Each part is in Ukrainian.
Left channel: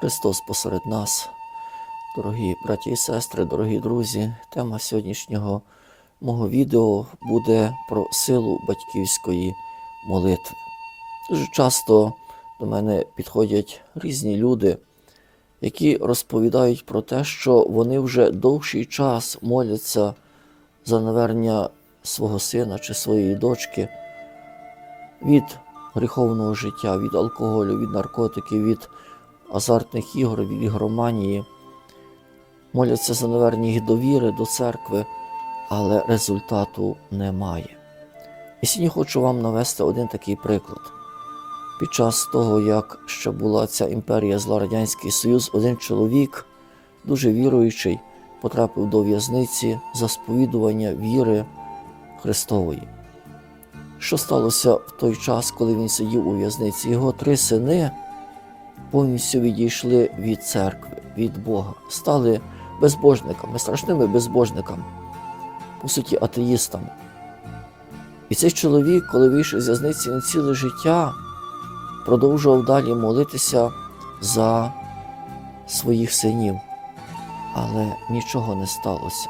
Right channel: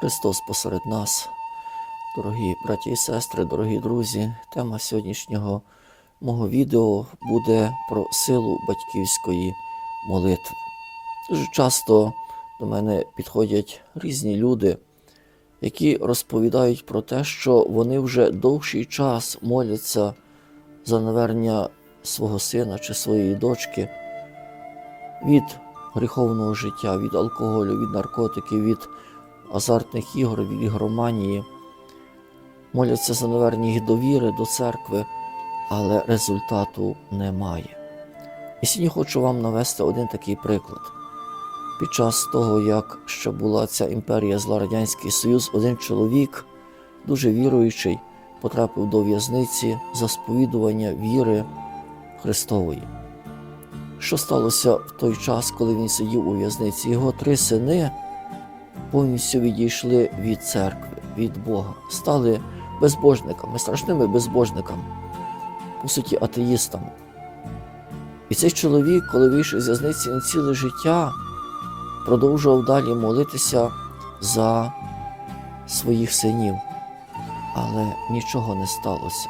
Христос посеред нас, дорогі браті і сестри, дорогі друзі. Тема сьогоднішнього мого відео буде про силу батьківської молитви. Дуже часто до мене підходять різні люди, які розповідають про те, що вони вже довший час моляться за навернення свого сина чи своєї дочки від гріховного життя, від алкоголю, від наркотиків, від азартних ігор, від ігроманії. Моляться за навернення їх довіри до церкви, але результату немає. І сьогодні хочу вам навести один такий приклад. Під час того, як ще була ця імперія зла Радянський Союз, один чоловік, дуже віруючий, потрапив до в'язниці за сповідування віри Христової. Що сталося в той час, коли він сидів у в'язниці? Його три сини повністю відійшли від церкви, від Бога, стали безбожниками, страшними безбожниками, по суті, атеїстами. І цей чоловік, коли вийшов з в'язниці на ціле життя, продовжував далі молитися за своїх синів. Але нічого не сталося.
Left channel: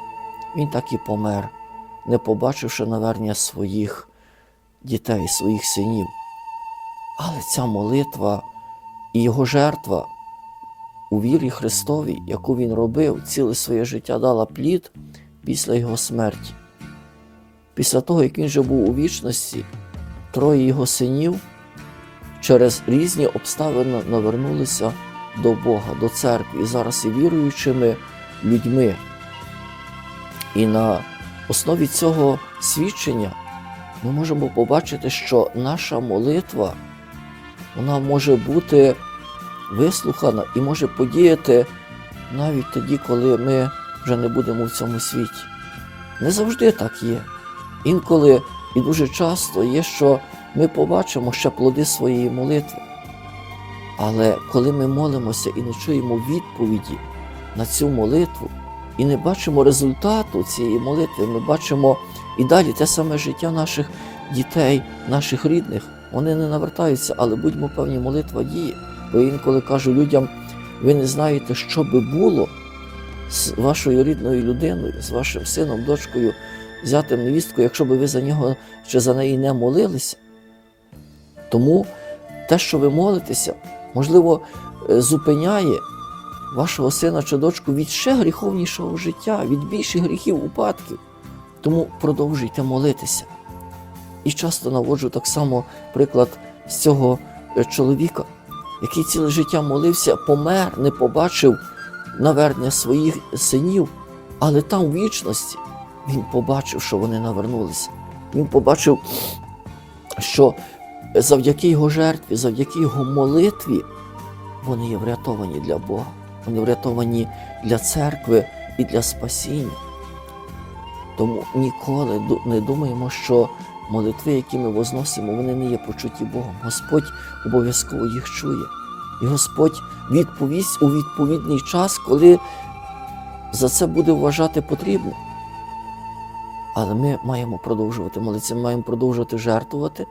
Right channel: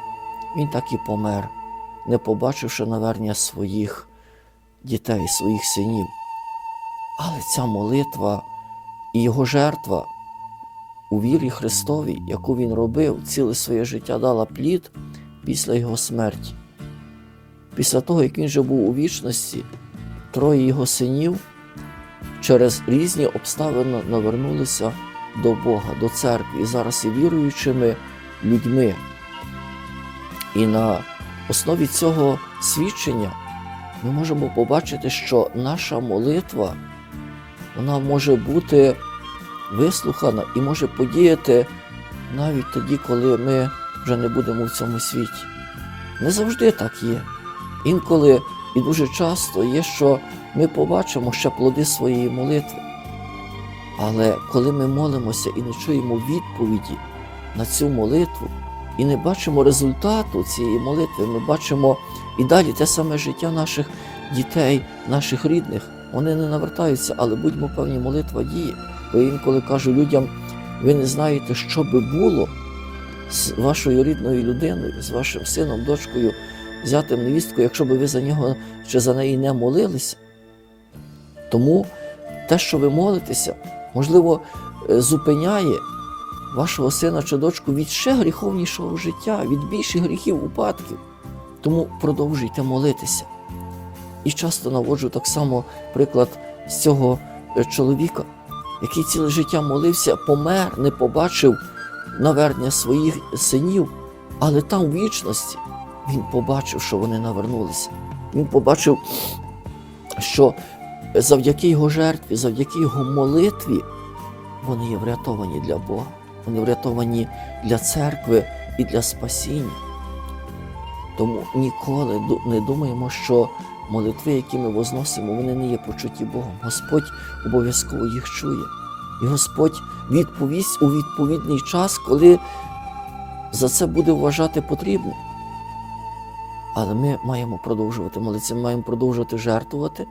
Він так і помер, не побачивши навернення своїх дітей, своїх синів. Але ця молитва і його жертва у вірі Христовій, яку він робив, ціле своє життя дала плід після його смерті. Після того, як він вже був у вічності, троє його синів через різні обставини навернулися до Бога, до церкви і зараз є віруючими людьми. І на основі цього свідчення ми можемо побачити, що наша молитва вона може бути вислухана і може подіяти навіть тоді, коли ми вже не будемо в цьому світі. Не завжди так є. Інколи і дуже часто є, що ми побачимо ще плоди своєї молитви. Але коли ми молимося і не чуємо відповіді на цю молитву, і не бачимо результату цієї молитви, ми бачимо і далі те саме життя наших дітей, наших рідних. Вони не навертаються, але будьмо певні, молитва діє. Бо інколи кажу людям, ви не знаєте, що би було з вашою рідною людиною, з вашим сином, дочкою, зятим невісткою, якщо би ви за нього чи за неї не молилися. Тому те, що ви молитеся, можливо, е, зупиняє вашого сина чи дочку від ще гріховнішого життя, від більших гріхів, упадків. Тому продовжуйте молитися. І часто наводжу так само приклад з цього е, чоловіка, який ціле життя молився, помер, не побачив навернення своїх синів, але там в вічності він побачив, що вони навернулися. Він побачив, що завдяки його жертві, завдяки його молитві, вони є врятовані для Бога, вони врятовані для церкви і для спасіння. Тому ніколи не думаємо, що молитви, які ми возносимо, вони не є почуті Богом. Господь обов'язково їх чує. І Господь відповість у відповідний час, коли за це буде вважати потрібно. Але ми маємо продовжувати молитися, ми маємо продовжувати жертвувати.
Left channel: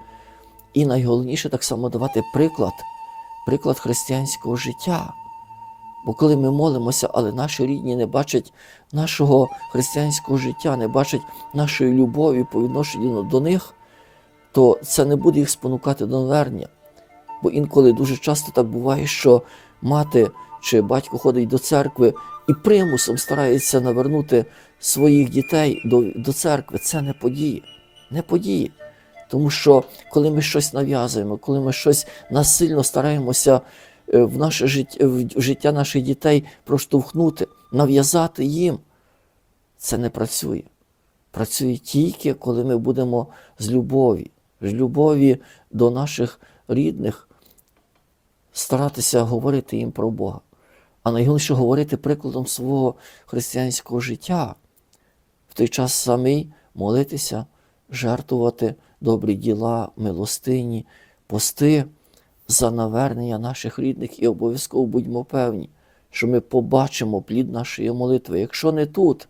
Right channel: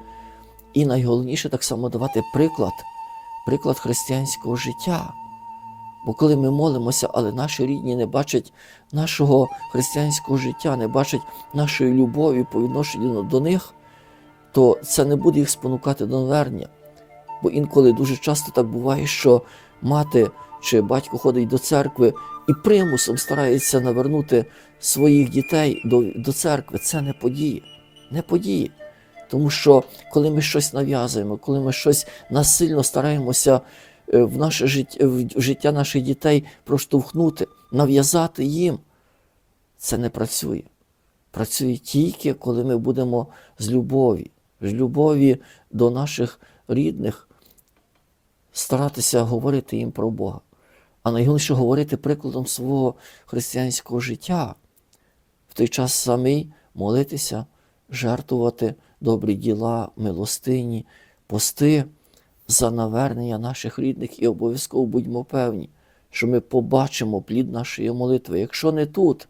І найголовніше так само давати приклад, приклад християнського життя. Бо коли ми молимося, але наші рідні не бачать нашого християнського життя, не бачать нашої любові по відношенню до них, то це не буде їх спонукати до навернення. Бо інколи дуже часто так буває, що мати чи батько ходить до церкви і примусом старається навернути своїх дітей до, до церкви. Це не подіє. Не подіє. Тому що коли ми щось нав'язуємо, коли ми щось насильно стараємося в наше життя, в життя наших дітей проштовхнути, нав'язати їм, це не працює. Працює тільки, коли ми будемо з любові, з любові до наших рідних, старатися говорити їм про Бога. А найголовніше говорити прикладом свого християнського життя, в той час самий молитися, жертвувати добрі діла, милостині, пости за навернення наших рідних і обов'язково будьмо певні, що ми побачимо плід нашої молитви. Якщо не тут,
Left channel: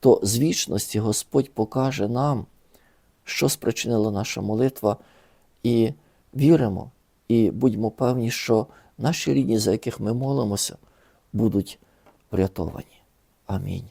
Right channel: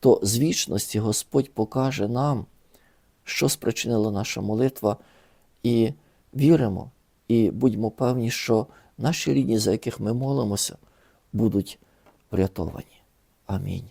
то з вічності Господь покаже нам, що спричинила наша молитва, і віримо, і будьмо певні, що наші рідні, за яких ми молимося, будуть врятовані. Амінь.